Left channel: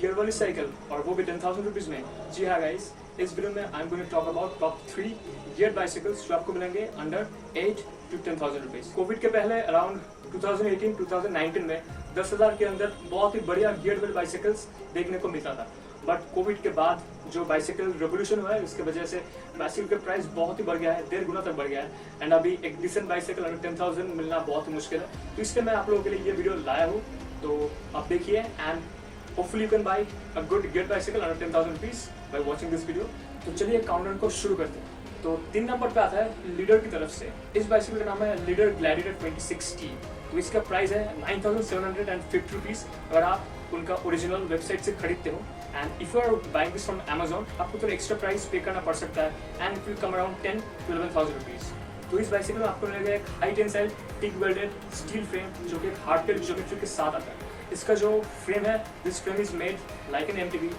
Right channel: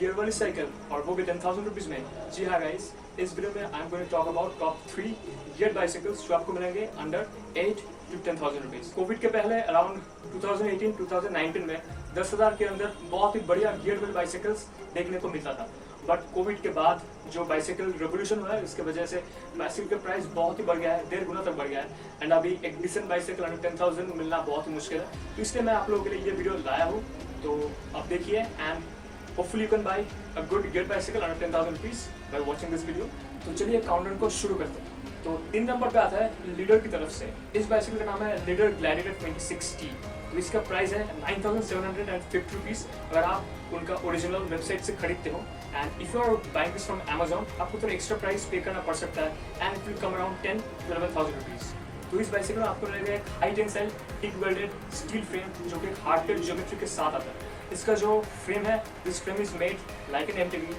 Gear वाली cycle और वो भी 10,000 रुपीज में। जी हाँ गाइस, इस वीडियो में I am going to talk about top 3 gear bicycles जो आपको मिलेंगे अंडर 8 to 10,000 रुपीज। कोविड के पहले अराउंड 2018-2019 में 10,000 के अंदर बहुत ही बढ़िया गियर वाली बाइसाइकिल्स देखने को मिलता था। बट कोविड के बाद जो बाइसाइकिल रेवोल्यूशन हुआ है उसकी वजह से बाइसाइकिल का प्राइस बहुत ही बढ़ गया है, 1.5 गुना तक बढ़ गया है। एंड अभी एक डिसेंट बाइसाइकिल अंडर 10,000 मिलना बहुत ही मुश्किल है, तो इसलिए मैं आप लोगों के लिए ये वीडियो लाया हूँ। तो आप देखिए and hopefully you can buy a good gear bicycle under 10,000 rupees by watching this video। तो चलिए काउंटडाउन को शुरू करते हैं। तो 3 नंबर पे आता है लीडर की तरफ से। इस बाइसाइकिल का नाम है लीडर ग्लैडिएटर 26T। तो इसका प्राइस है 9,750 रुपीज अगर आप उनका ओरिजिनल वेबसाइट से खरीदते हो। And if you are buying this from Amazon आपको थोड़ा एक्स्ट्रा प्राइस पे करना पड़ सकता है and it will come around 10 to 11,000 rupees. तो इस बाइसाइकिल में आपको लगेगा एक high tensile teeth welded steel frame जो कि हार्ड टेल ज्योमेट्री के साथ आता है। इसका जो फ्रेम है this frame is made like an MTV.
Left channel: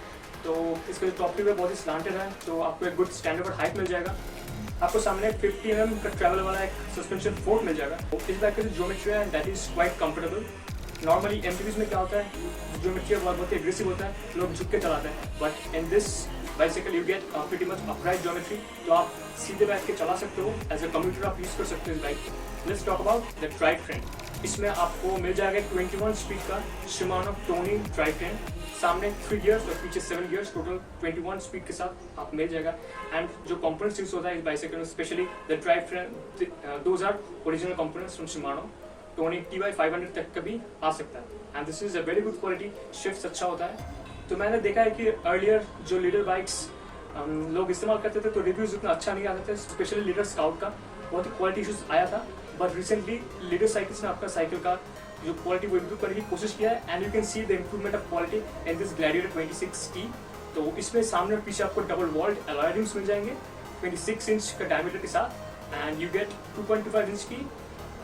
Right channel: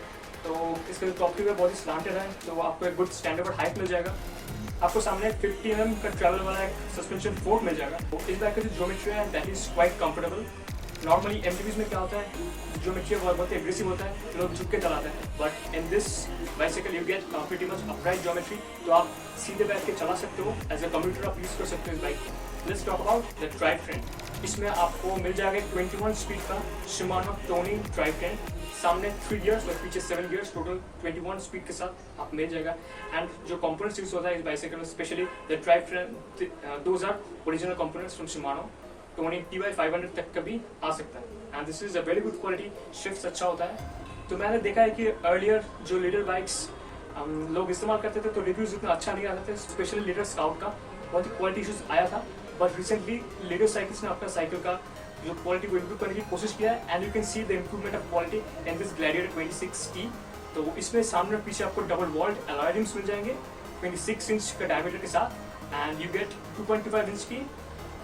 तो इसका जो टॉप है बहुत ही स्लांटेड है, तो आपको एक गुड स्टैंडर्ड हाइट मिल जाएगा। आपको सामने 50 mm का ट्रैवल वाला एक सस्पेंशन फोर्क मिल जाएगा। तो इस बाइक का जो ज्योमेट्री है that is quite comfortable. Normally एमटीवीज में क्या होता है, ज्योमेट्री बहुत ही एग्रेसिव होता है, लोग झुक के चलाते हैं। But in this bicycle you get pretty much upright geometry, तो आप सीधे बैठ के चला सकते हो। एज ए कम्यूटर आप यूज कर सकते हो bike. Let's talk about the drive train. इसमें आपको मिल जाएगा 21 स्पीड का शिमानो टोनी ड्राइव ट्रेन। सामने 3 गियर्स और पीछे 7 गियर्स, टोटल 21 स्पीड के साथ आप मिल जाएगा। एंड जो कंपोनेंट्स यूज होता है इस बाइसाइकिल में specially the drive train, those are original components from Shimano. Tourney TY500 तक का भी आ सकता है and this is a very good quality. Shift अच्छा होता है। तो मैंने देखा है कि अर्लियर जो लीडर बाइक्स लोग इस्तेमाल करते थे तो रिव्यूज उतना अच्छा नहीं आते थे, स्पेशली लीडर स्काउट का बहुत ही क्वालिटी इशूज आया था। बट रिसेंटली लीडर साइकिल्स ने अपना साइकिल का जो क्वालिटी को इम्प्रूव करने की कोशिश किया है and you can see the improvement of quality in this Gladiator 26T। तो इसमें सामने पीछे आपको डबल वॉल्ड अलॉय रिम्स मिल जाएंगे 26 इंच का डायमीटर के साथ एंड यू गेट 2.5 इंच की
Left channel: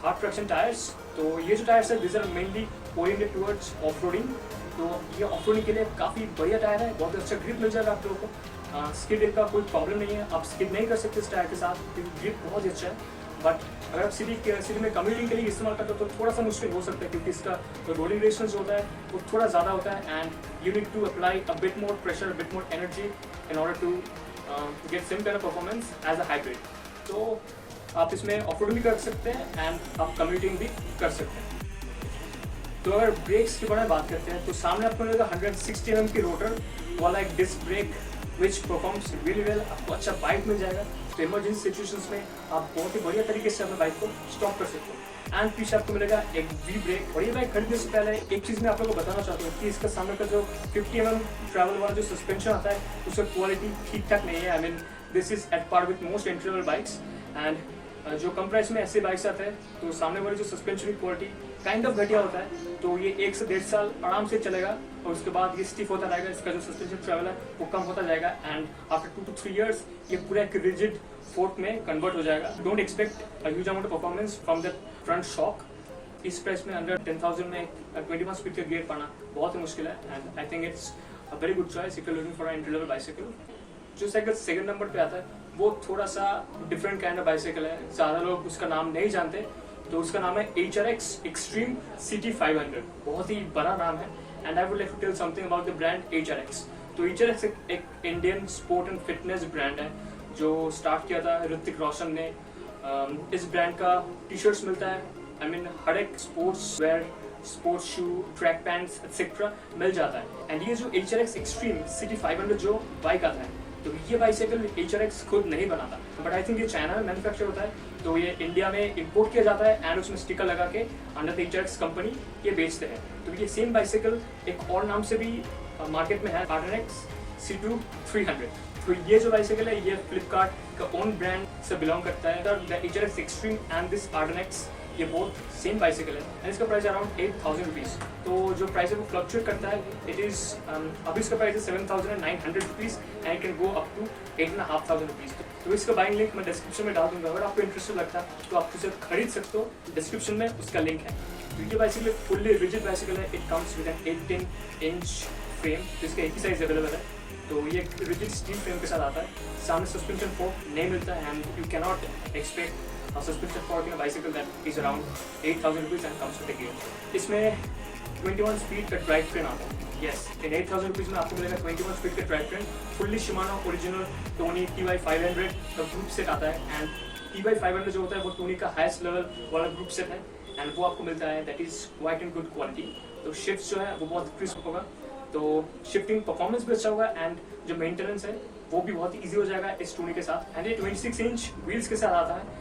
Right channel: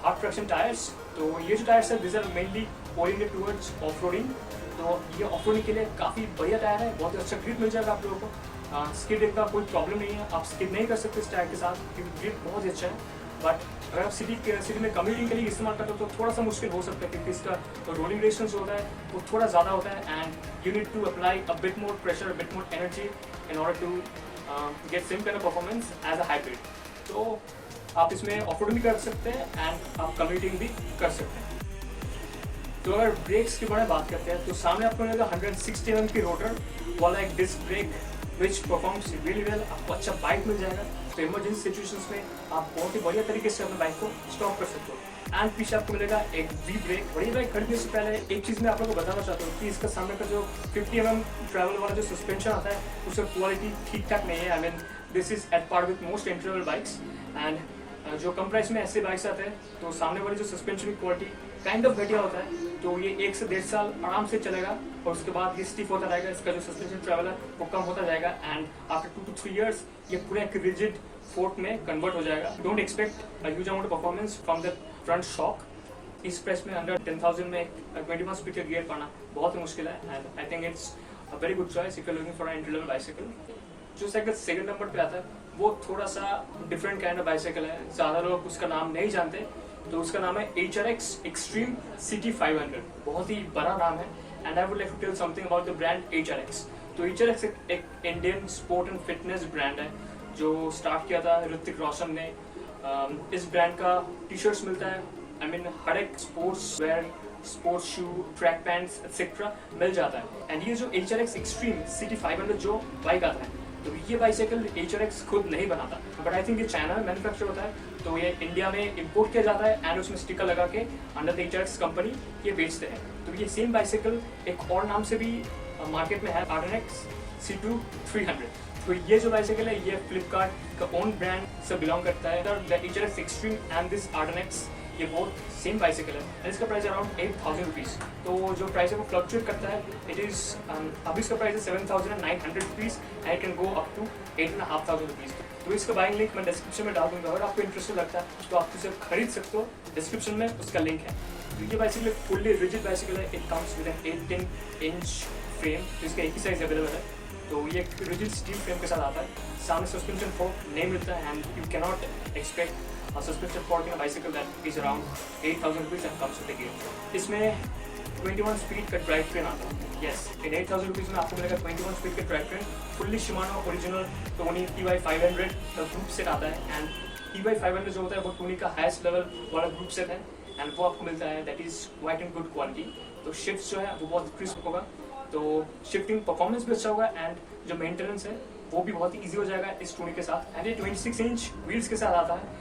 हार्ड ट्रैक्शन टायर्स। तो ये जो टायर्स है this are mainly oriented towards off roading. तो ये ऑफ रोडिंग के लिए काफ़ी बढ़िया टायर है, बहुत अच्छा ग्रिप मिल जाएगा आप लोगों को। स्किड का कोई प्रॉब्लम नहीं है, आप स्किड नहीं कर सकते इस टायर के साथ क्योंकि ग्रिप बहुत ही अच्छा है। बट अगर आप सिटी में कम्यूटिंग के लिए इस्तेमाल करते हो तो थोड़ा सा मुश्किल हो सकता है क्योंकि इसका जो रोलिंग रेशियस होता है वो थोड़ा ज़्यादा होता है and you need to apply a bit more pressure, a bit more energy in order to get same kind of performance as a hybrid. तो आप इसमें ऑफ रोड भी कर सकते हैं एंड आप कम्यूटिंग भी कर सकते हैं। तो अगर ब्रेक्स की बारे में बात करते हैं तो सामने आपको मिलेगा 160 mm की रोटर, वन एक disc brake which performs really well. आपको अच्छा बाइक मिल जाएगा। तो इमरजेंसी सिचुएशंस में आप बहुत ही बढ़िया तरीके से अपने बाइक को स्टॉप कर सकते हो। एंड पीछे आपको मिलेगा एक वी ब्रेक। बड़ी बाइक खरीदने से पहले एक चीज़ मैं आप लोगों को बताना चाहता हूँ कि इसका सामने का जो 50 mm ट्रैवल वाला जो सस्पेंशन आता है उसका क्वालिटी ठीक ठाक नहीं है। I mean this is at par with most entry level bikes. And जो कम प्राइस में ऐसे बाइक्स आते हैं तो सामने वाली जो सस्पेंशन की क्वालिटी काइंड ऑफ घटिया होता है। तो ये 1 से 1.5 साल आराम से चलेगा और उसके बाद ये स्टिफ होता रहेगा, इसका जो सस्पेंशन ट्रैवल है वो कम होता जाएगा एंड आफ्टर 2 to 3 years ये पूरा एक रिजिड फोर्क में कन्वर्ट हो जाएगा। Don't expect a huge amount of performance from the front shock. इस प्राइस में अंडर 10,000 में 21 स्पीड का गियर पाना बहुत ही मुश्किल है and I think it's a very good choice if you are looking for an entry level bicycle. जो साइकिल सेकंड नंबर पे आता है वो थोड़ा सा डिफरेंट काइंड ऑफ बाइसाइकिल है, ज़्यादा लोग उसका नाम नहीं जानते। तो उसका नाम है HRX Extreme CT 500। बहुत ही बड़ा नाम है and I would like to tell something about the brand HRX। तो HRX एक Indian sport and fitness brand है जो स्टार्ट किया था ऋतिक रोशन ने। इस ब्रांड का टी-शर्ट्स मिलता है, आई मीन हर एक sports wear, sports shoe, track pants etcetera मिल जाता है। एंड ये जो HRX Extreme CT 500 जो बाइक आता है तो ये बाइसाइकिल HRX खुद नहीं बनाता, बट आई थिंक ये चाइना में मैन्युफैक्चर होता है। तो ये इंडिया में इम्पोर्ट किया जाता है एंड उसमें स्टिकर लगा के अंडर द HRX कंपनी ये बेचते हैं। तो ये सेम बाइसाइकिल एक और नाम से भी मार्केट में है, RNX C2 300। तो ये जो बाइसाइकिल है ये फ्लिपकार्ट का ओन ब्रांड से बिलोंग करता है। The HRX Extreme and this RNX ये बहुत सेम बाइसाइकिल है एंड इसका प्राइस अराउंड 8,000 रुपीज़। तो जो प्राइस है वो फ्लक्चुएट करता है। इट इज़ अभी इसका प्राइस है 7,900 rupees and it can go up to 8,500 rupees. तो इसका बाइंग लिंक मैं डिस्क्रिप्शन में डाल दूंगा। अगर आपको इंटरेस्टेड लगता है तो आप इसे खरीद सकते हो, डिस्क्रिप्शन में उसका लिंक है। तो ये बाइसाइकिल फुल्ली रिजिड बाइसाइकिल है। It comes with an 8-10 inch frame, जिसका एक ही साइज अवेलेबल है। तो ये रिजिड स्टील फ्रेम के साथ आता है। सामने सस्पेंशन फोर्क नहीं मिलता है and you can not expect suspension fork in bicycle that is around 8,000 rupees and comes with the gear. इसमें 21 स्पीड का ड्राइव ट्रेन आता है। यस, इन 8000 रुपीज़ में आपको मिलेगा 21 स्पीड का drive train, fully Shimano original Tony TY500 का group set आता है। एंड TY500 जो होता है वो टोनी का हाईएस्ट लेवल वाला ग्रुप सेट है, एंड वो आपको मिलता है that is quite in good quality. तो शिफ्ट जो है वो बहुत क्रिस्प होगा, तो शिफ्टिंग परफॉर्मेंस भी अच्छा होगा, एंड जो मेंटेनेंस है वो भी बहुत ईजी हो जाएगा इस टूनी के साथ। एंड ये 26 इंच व्हील्स के साथ आता है।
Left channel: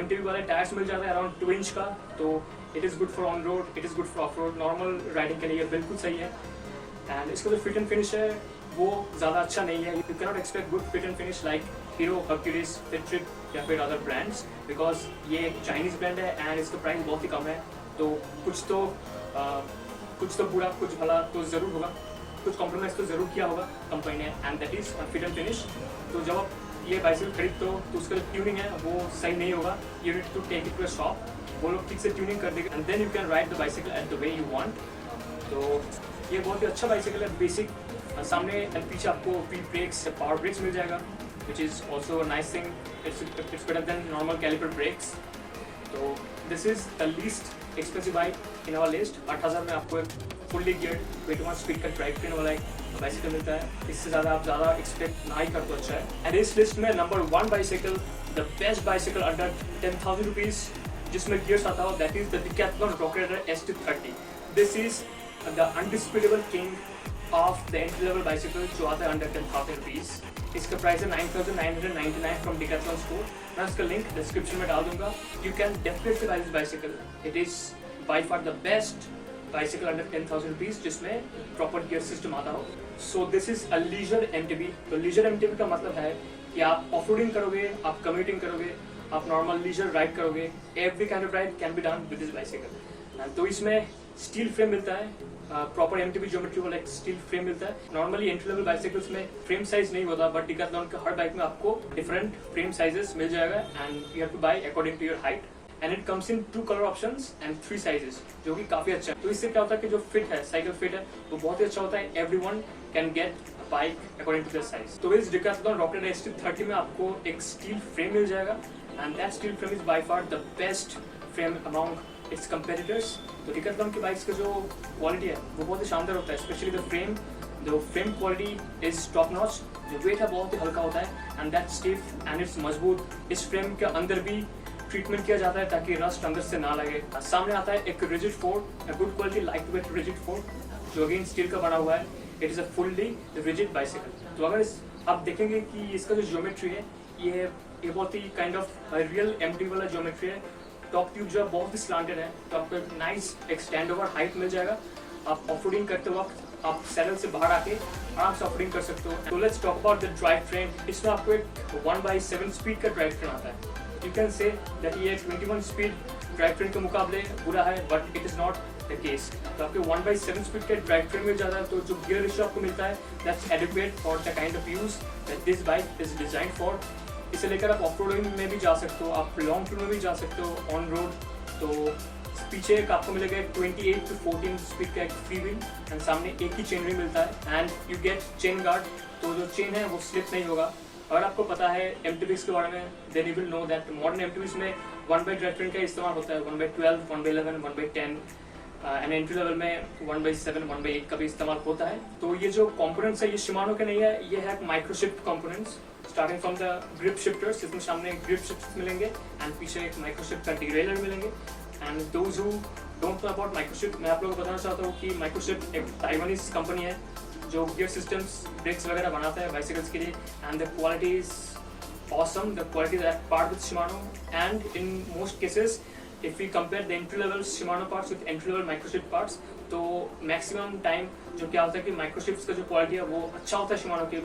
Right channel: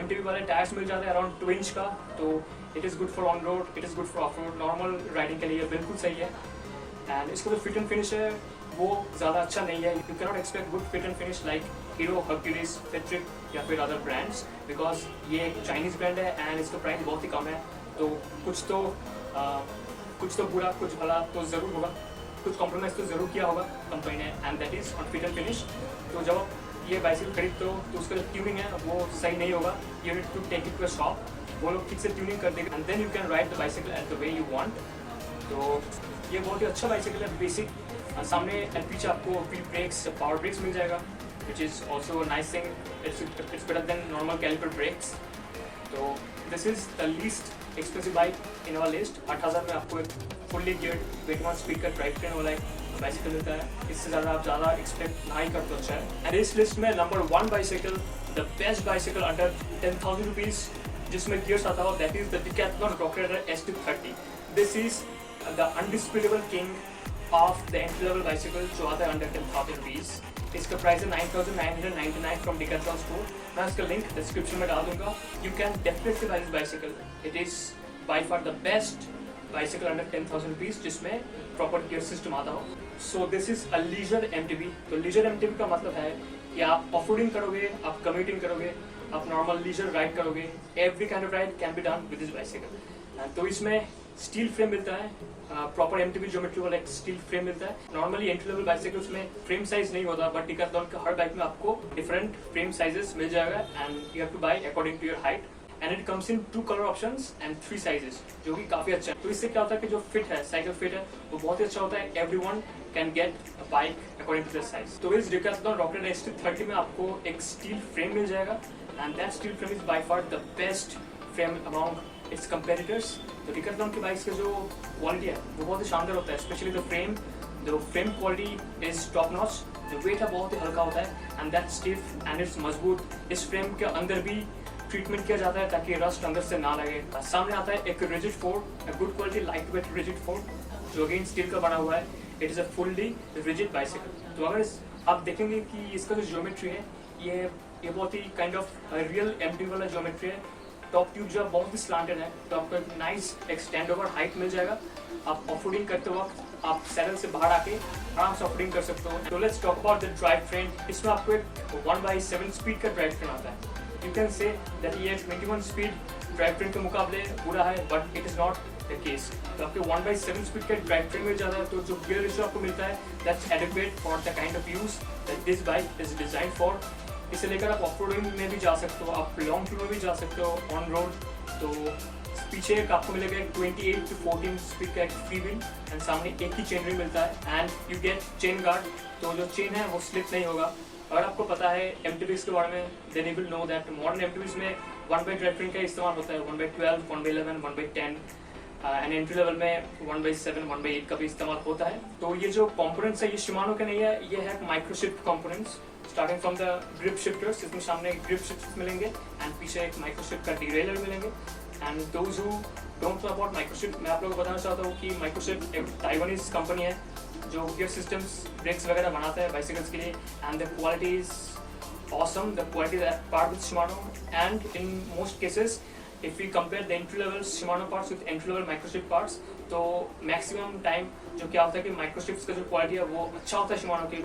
MTB वाले टायर्स मिल जाते हैं अराउंड 2 इंच का, तो it is good for on road, it is good for of road, normal riding के लिए बिल्कुल सही है। एंड इसका जो फिट एंड फिनिश है वो ज़्यादा अच्छा नहीं है। You can not expect good fit and finish like hero, Hercules, Patrick या फिर अदर ब्रांड्स, बिकॉज ये एक चाइनीज़ ब्रांड है एंड इसका प्राइस बहुत ही कम है। तो कुछ तो बुरा कुछ भला तो ज़रूर होगा, कुछ कॉम्प्रोमाइज़ तो ज़रूर किया होगा कंपनी ने, and that is on fit and finish. तो जब आप ये बाइसिकल खरीदते हो तो उसका ट्यूनिंग है वो सही नहीं होगा। You need to take it to a shop, वो लोग ठीक से ट्यूनिंग कर देंगे, and then you can ride the bicycle at the way you want. तो ये बहुत ही अच्छा बाइसिकल है। बेसिक सामने एंड पीछे आपको व्हील ब्रेक्स, पावर ब्रेक्स मिल जाएगा, which is also nice thing. It's better than normal caliper brakes. तो this is the least expensive bike in our list. 8000 में आपको फुल्ली गियर्ड 21 स्पीड का ड्राइव ट्रेन वाला बाइसिकल मिलता है। इससे ज़्यादा आप ज़्यादा एक्सपेक्ट ना ही कर तो अच्छा है। एंड इस लिस्ट में number 1 bicycle, the best bicycle under 10,000 rupees जिसमें गियर्स आता हो, that is the Decathlon rock rider ST30। This is the undisputable king of the entry level bicycle जो आता है अंडर 10,000 रुपीज़। इसका प्राइस है 9,999 फ्रॉम डिकैथलॉन स्टोर। मैं इसका लिंक डिस्क्रिप्शन में डाल दूंगा। You can definitely buy this bicycle, it is by far the best bicycle under 10,000 rupees जिसमें प्रॉपर गियर सिस्टम आता हो। So this is a leisure MTB। तो लीजर MTB का मतलब है कि आप ऑफ रोडिंग करोगे, आप कम्यूटिंग करोगे, आप नॉर्मल लीजर राइड करोगे, every kind of ride can be done with this bicycle. तो इसमें स्टील फ्रेम मिलता है, प्रॉपर MTB ज्योमेट्री वाला एक स्टील फ्रेम मिलता है। नॉर्मली एंट्री लेवल बाइसिकल्स में फ्रेम साइज नहीं होता, बट डिकैथलॉन के हर बाइक में आपको डिफरेंट फ्रेम साइजेस मिल जाएगा, and you have to buy according to your height. And it comes in 2 colour options and 3 sizes, जो कि काफी अच्छा है। तो इससे क्या होता है कि जो फिट है, साइकिल फिट है, वो बहुत ही अच्छा होता है। Everyone can get a bike according to their size. तो इस डिकैथलॉन रॉक राइडर ST30 में आपको एक स्टील फ्रेम मिल जाएगा, and that steel frame is by far the best frame among it's competitors. तो डिकैथलॉन के बाइक्स की जो क्वालिटी है वो बहुत ही शानदार होता है, specially the frame. The frame quality is top notch, जो वेट है बहुत ही हल्का होता है, and that stiff and it's मजबूत। इस फ्रेम के अंदर भी ट्रीटमेंट किया जाता है ताकि रस्ट अंदर से ना लगे। सामने आता है एक rigid Ford, good quality light weight rigid Ford जो अगेन स्टील का बना हुआ है। It is a fully rigid bicycle. तो अगर आप देखेंगे कि इसका जो ज्योमेट्री है ये बहुत ही काइंड ऑफ रियल MTB वाला ज्योमेट्री है। टॉप ट्यूब जो है बहुत ही स्लैंटेड है, तो आपको एक नाइस एक्सटेंड ओवर हाइट मिल जाएगा। आप ऑफ रोडिंग करते वक्त आप सैडल से बाहर आके आराम से ऑफ रोडिंग कर सकते हो। तो let's talk about the drive train. इसमें आपको एक 1/7 स्पीड का ड्राइव ट्रेन आता है। You can say that ये 21 स्पीड ड्राइव ट्रेन के मुकाबले बुरा है, but it is not the case. तो आपको 1/7 स्पीड के ड्राइव ट्रेन में जाना है, तो जो गियर रेशियो आपको मिलता है that's adequate for the kind of use that this bike is design for. इसे लेकर आप ऑफ रोडिंग में भी जा सकते हो, आप लॉन्ग टूर में भी जा सकते हो ऑन रोड। तो पीछे एक आपको मिलेगा 28 to 14 स्पीड का एक फ्री व्हील, एंड सामने एक ही चेन में मिलता है, and you gate chain guard. तो जो चेन है वो स्लिप नहीं होगा। अगर आपको पता है MTBs के बारे में, then you will know that modern MTBs में 1/12 ट्रेन का इस्तेमाल होता है, 1/12, 1/11, 1/10, एंड एंट्री लेवल में 1/7, 1/8 का भी इस्तेमाल होता है। तो ये जो कंपोनेंट्स है ये शिमानो के नहीं है, ये है Microshift components. Starting from the grip shifters, इसमें सामने ग्रिप शिफ्टर्स मिलेंगे, एंड पीछे एक माइक्रोशिफ्ट का डिरेलर मिलेंगे। And those who don't know about Microshift, मैं आप लोगों को बताना चाहता हूँ कि माइक्रोशिफ्ट एक ताइवानीज कंपनी है जो गियर सिस्टम्स, ब्रेक्स वगैरह बनाता है बाइसिकल्स के लिए, and the quality is awesome. The quality is at par with Shimano, and in most cases, if we compare the entry level Shimano parts with entry level microchip parts, तो maximum time जो क्या होता है कि microchips का जो quality है वो अच्छा होता है Shimano के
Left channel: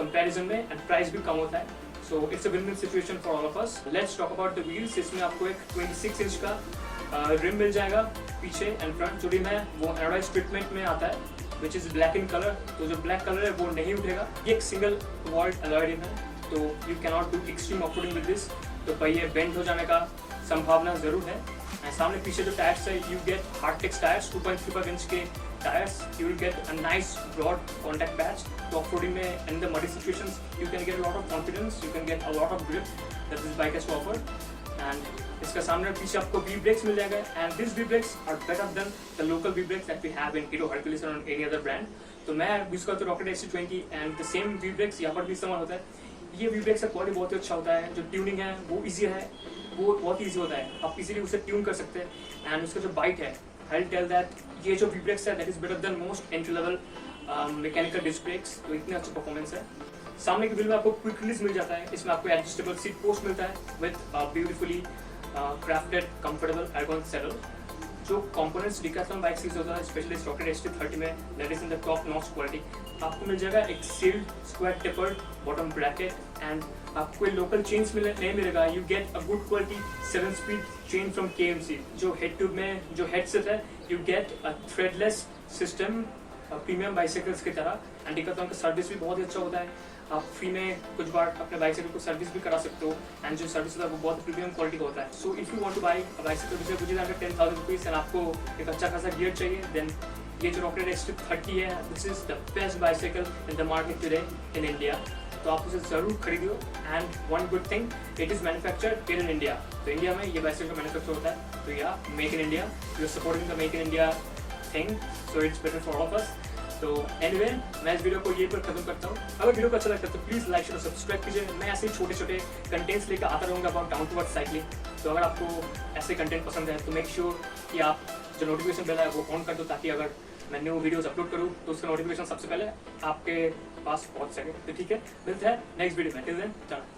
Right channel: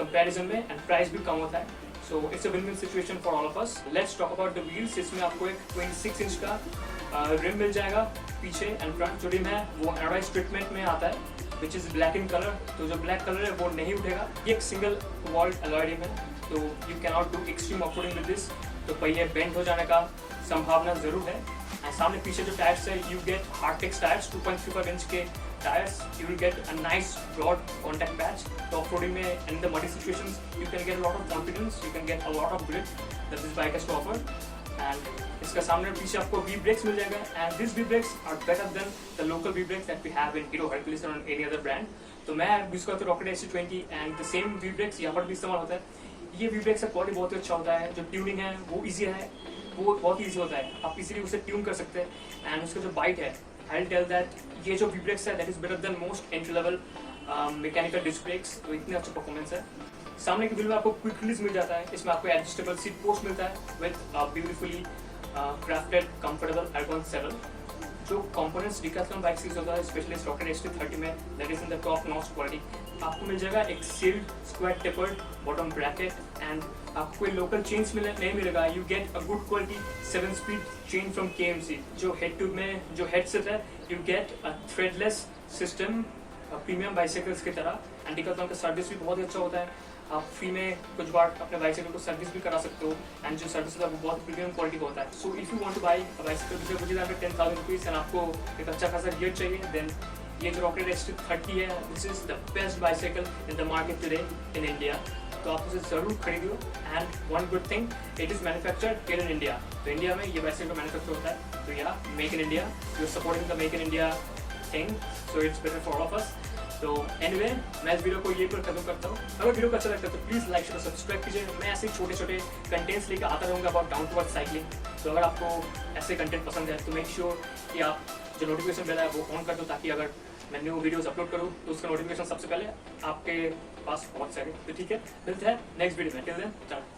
comparison में, and price भी कम होता है. So it's a win-win situation for all of us. Let's talk about the wheels. इसमें आपको एक 26 इंच का रिम मिल जाएगा पीछे, एंड फ्रंट जो रिम है वो एनोडाइज ट्रीटमेंट में आता है, which is black in color. तो जो black color है वो नहीं उठेगा। ये एक सिंगल वॉल्ट अलॉय रिम है, तो you can not do extreme off-roading with this. तो पहिए बेंड हो जाने का संभावना जरूर है। एंड सामने पीछे जो टायर्स है, you get Hartex tyres, 2.35 inch के tyres. You will get a nice broad contact patch. तो ऑफरोडिंग में and the muddy situations you can get a lot of confidence, you can get a lot of grip that this bike has to offer. And इसका सामने पीछे आपको V brakes मिल जाएगा and this V brakes are better than the local V brakes that we have in Hero Hercules और any other brand. तो मैं use करता हूँ Rocket ST20 and the same V brakes यहाँ पर भी इस्तेमाल होता है। ये वी ब्रेक्स का क्वालिटी बहुत ही अच्छा होता है, जो ट्यूनिंग है वो ईजी है, वो बहुत ही ईजी होता है, आप इजीली उसे ट्यून कर सकते हैं। एंड उसका जो बाइट है, आई टेल दैट ये जो वी ब्रेक्स है that is better than most entry level mechanical disc brakes. तो इतनी अच्छा परफॉर्मेंस है। सामने के बिल में आपको क्विक रिलीज मिल जाता है, इसमें आपको एडजस्टेबल सीट पोस्ट मिलता है with beautifully crafted comfortable ergon saddle. जो कंपोनेंट्स डिकैथलॉन बाइक्स यूज होता है स्पेशली रॉकेट ST30 में, that is in the top notch quality. आपको मिल जाएगा एक sealed square tapered bottom bracket and आपको कोई लोकल चेन्स नहीं मिलेगा। You get a good quality 7 speed chain from KMC। जो हेड ट्यूब में जो हेडसेट है, you get a threadless system premium bicycles की तरह। एंड डिकैथलॉन का सर्विस भी बहुत ही अच्छा होता है, आप फ्री में कुछ बार अपने बाइसाइकिल को सर्विस भी करा सकते हो एंड जो सर्विस होता है वो बहुत प्रीमियम क्वालिटी का होता है। So if you want to buy bicycle which मुझे हमें 10,000 रुपीज एंड आपको एक अच्छा खासा गियर चाहिए, देन ये जो रॉकेट ST30 है this is the best bicycle in the market today in India. तो आप उसे जरूर खरीदियो। And one good thing, it is manufactured in India. तो इंडिया में ये बाइसाइकिल मैन्युफैक्चर होता है, तो या make in India, you are supporting the make in India thing, so it's better for all of us. तो एनीवे मैं इस वीडियो को यहीं पर खत्म करता हूँ। अगर वीडियो को अच्छा लगता है तो प्लीज लाइक और सब्सक्राइब कीजिए। मैं ऐसे छोटे छोटे कंटेंट्स लेकर आता रहूँगा about down to earth cycling. तो अगर आपको ऐसे कंटेंट पसंद है तो मेक श्योर कि आप जो नोटिफिकेशन बेल है वो ऑन कर दो, ताकि अगर मैं न्यू वीडियोस अपलोड करूँ तो उसका नोटिफिकेशन सबसे पहले आपके पास पहुँच सके। तो ठीक है, मिलते हैं नेक्स्ट वीडियो में। टिल देन, चलो।